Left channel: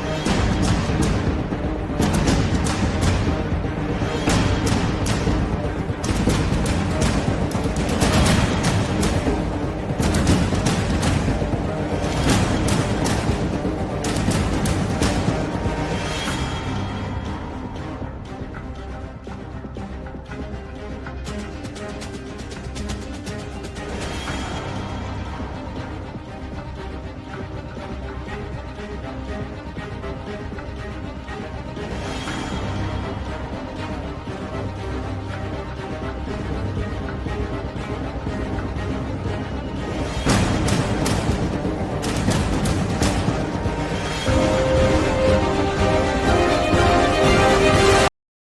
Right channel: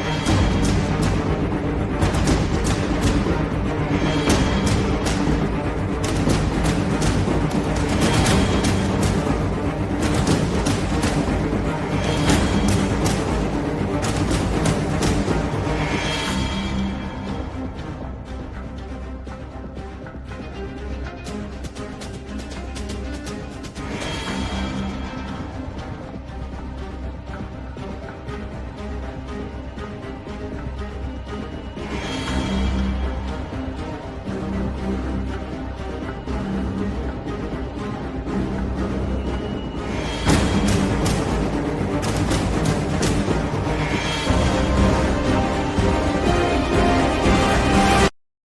Thank yeah. you.